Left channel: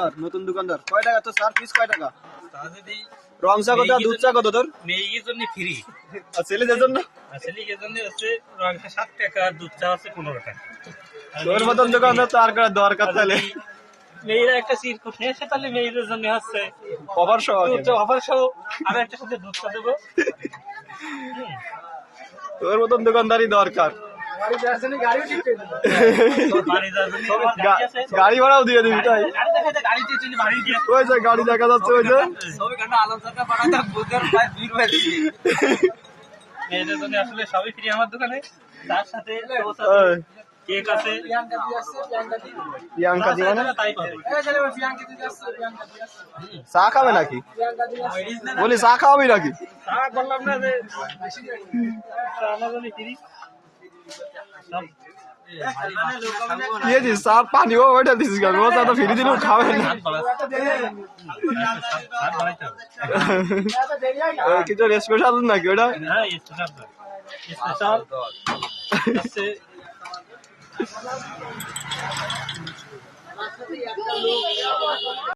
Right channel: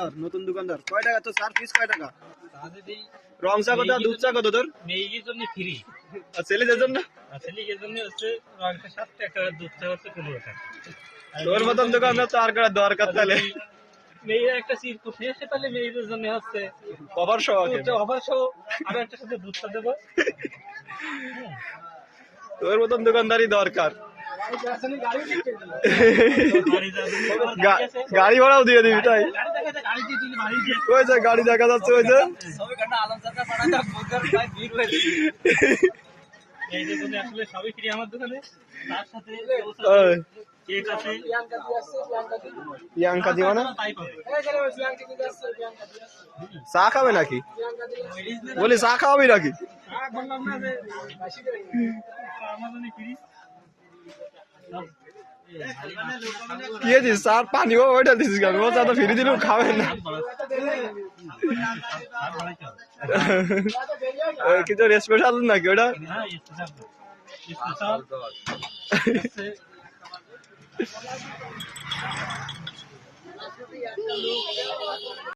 দোকানদার নতুন দোকানদার কয় টাকা তো স্যার পিস কয় টাকা রং চা কত দুধ চা কত তোর মেয়ের জন্য ফ্রি আর ছেলেদের জন্য ছেলের জন্য হচ্ছে রংটা 7 টাকা দুধ চা হচ্ছে 15 টাকা তোর মতন দোকানদার তো আর করার দরকার তাহলে মেয়েরা একটা সিরকুট নিয়ে এসে তাহলে মেয়েদের জন্য হচ্ছে অফার সহ অফার সহ আর একটা সাথে দুধ চা দেবো তোর মতন দোকানদারই দরকার গাড়ি ভাড়াও দিয়ে দিবি তাই গাড়ি দেখা যাচ্ছে ওই যে মেয়েদের জন্য আসলে সবই ফ্রি আমার দোকানে তার সাথে কেক আছে তাই পাবে চা খাবে নাকি বলি চা খাওয়াবি নাকি চা বললাম না যে আমার জন্য ফ্রি স্যার পানিও ওইটা দিস কেন ও তো ফিরে দিল খাবে কিছু স্পেশাল নাকি ওটা স্পেশাল